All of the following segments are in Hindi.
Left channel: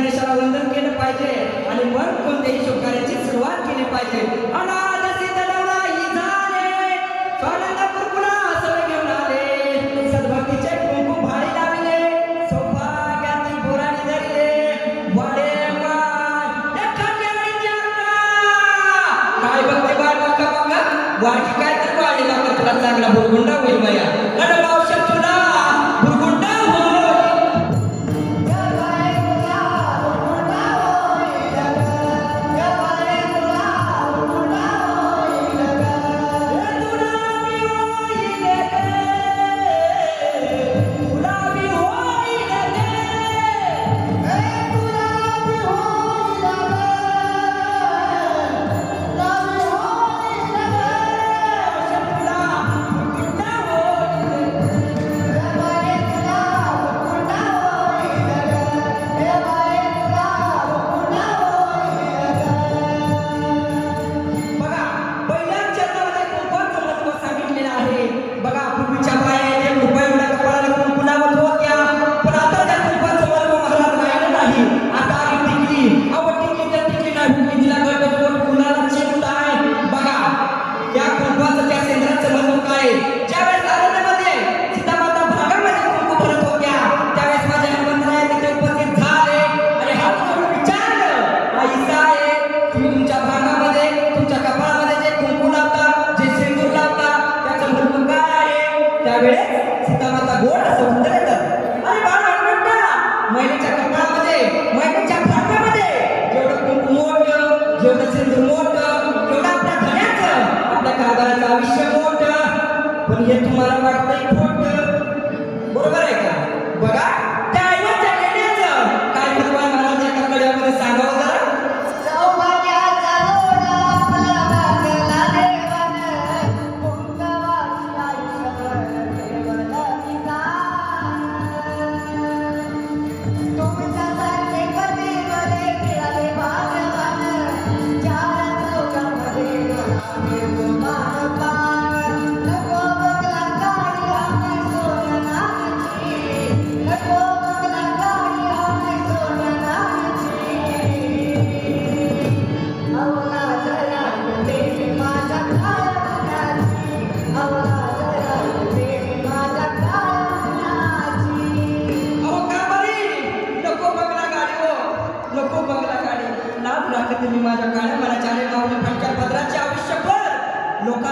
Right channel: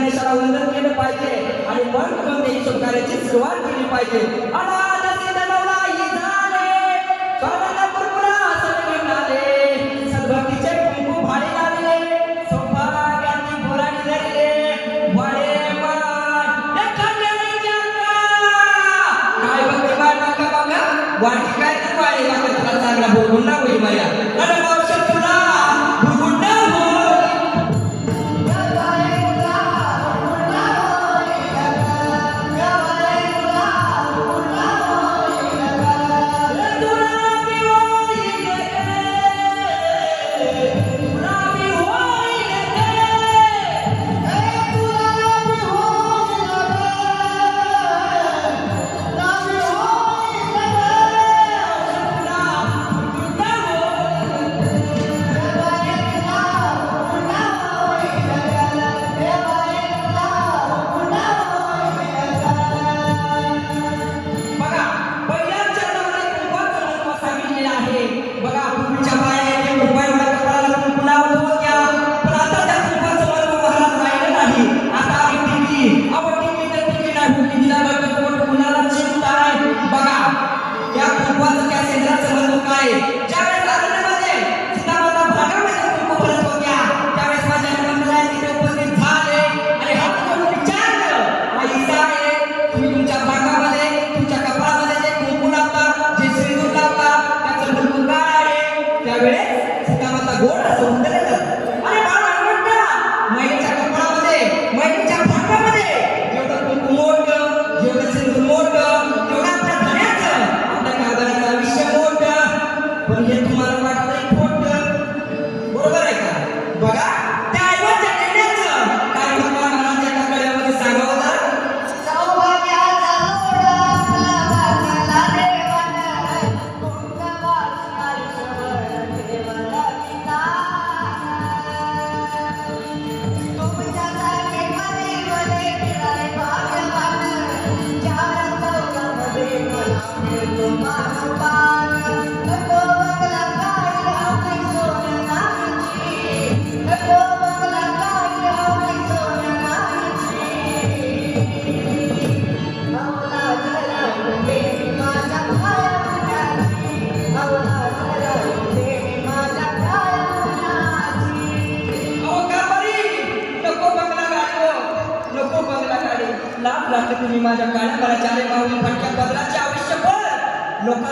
गणेशाला वंदन केलं पाहिजे आणि मग कोणत्याही शुभ सुरुवात केली पाहिजे. फुटावरचा गोड सौंदर्य अरे बाळा मैत्री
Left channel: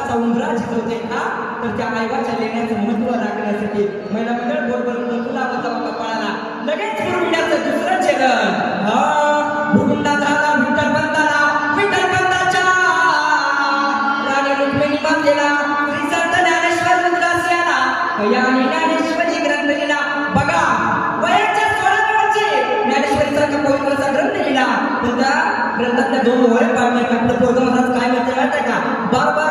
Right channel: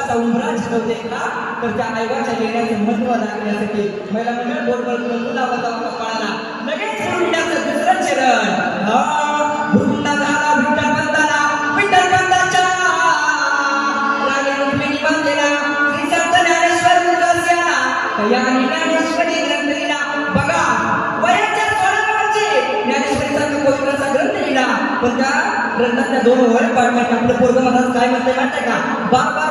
समुद्रात शिजवता येतात तर त्या ऐवाच्या लेण्याचे महत्व दाखवण्यासाठी महिला मंडळ बरोबर तुला होता कमाळाला लगेच भूमिकाचं दुसरं चरण भूमिका दादा विठ्ठल दादा विठ्ठल दादाच्या राजा रुक्मिणी गावलेला तिचा ज्ञानेश्वर मुलाचा या ज्ञानेश्वरी ग्रंथीला बघा वयाच्या स्वरूपाचे ज्ञानेश्वरीचा कपोत्राचा ग्रंथ लिहिला पण त्या ग्रंथातल्या दोन वर पाहण्यात आपलं पोरगावला काय म्हणते माहिती का। बाबा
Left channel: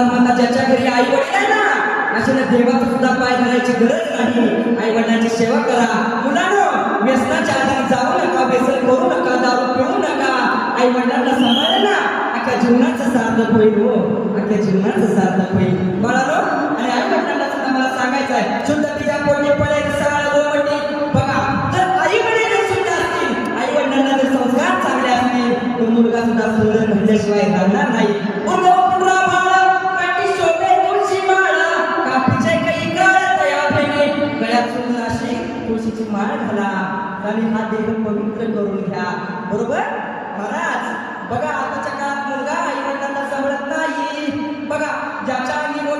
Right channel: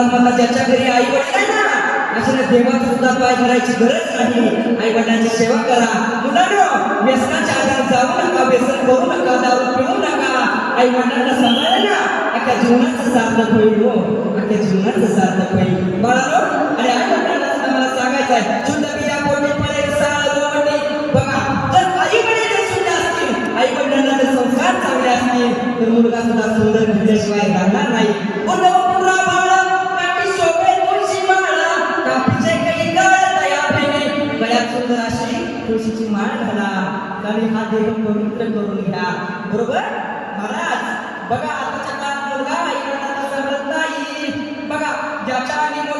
परमात्मा ज्याच्या घरी आई वडील ना अशाने देवाचं सुद्धा पाय करायची गरज नाही. आई वडिलांची सेवा करा. मुलांनो व्यसनाच्या आधार जाऊ नका व्यसन करू नका दारू पिऊ नका. आई वडिलांना सांभाळा ना. अख्या जीवनाचं सार्थक होईल हो. अख्या जीवनाचं सार्थक होईल बाळांनो आणि आई वडिलांना सुद्धा मला सांगायचं आहे शुद्ध बिया पोटी पडायची मुलगा सुद्धा सुंदर जर आईकडे जर बघा आताच्या काळात मुलगा आई वडिलांना नाही बघा ज्याच्या आधी नाळ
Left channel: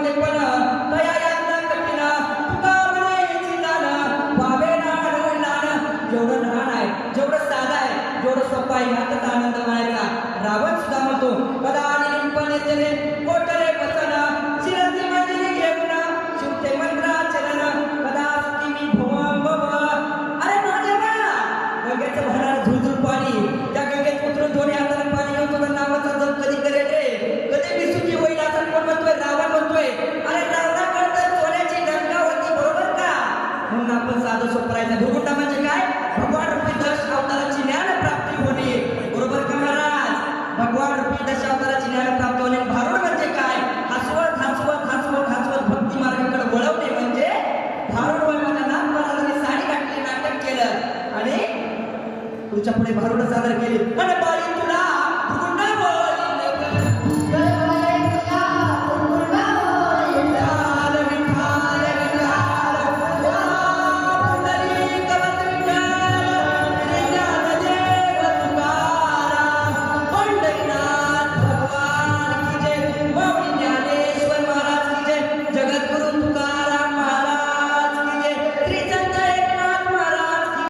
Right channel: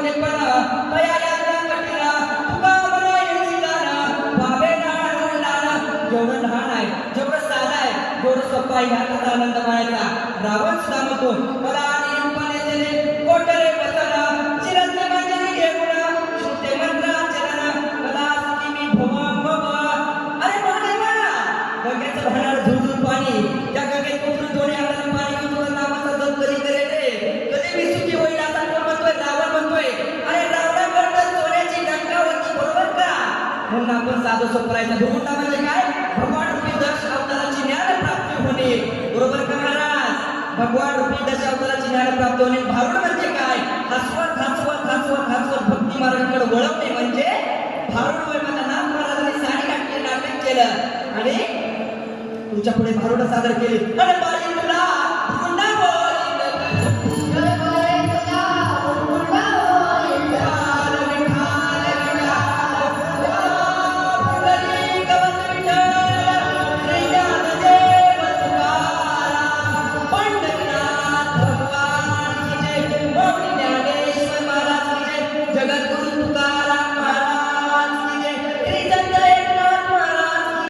वडिलान जेवढं लहान आहे जेवढं साधं आहे जेवढं सोपं आहे ह्याचा आनंद मानायचा रावण सुद्धा म्हणतो बघा आणि रूपाने त्याने कोटरे बसला चिरंजीवी घेऊन शुद्धे मंत्राचरण बघा असती मी भव भव अरे माझे ना गंगेचं भरणार झुळझुळ पाणी त्या गंगेत उतरून म्हणून आपण भूमिका म्हणजे काय? भगवान रूपी दश अवताराची ज्ञान प्राप्ती होणे. बरोबर का महाराज भगवान रूपी दश अवताराची ज्ञान प्राप्त होणे. भारुड म्हणजे काय? हसवत हसवत हसवत हसवत भक्ती मार्गाकडे वळवणे म्हणजे भारुड होय माझा साडी घातली नाटक केलं. आणि तुझ्या पुढे भारुड सादर केली. आणि बाई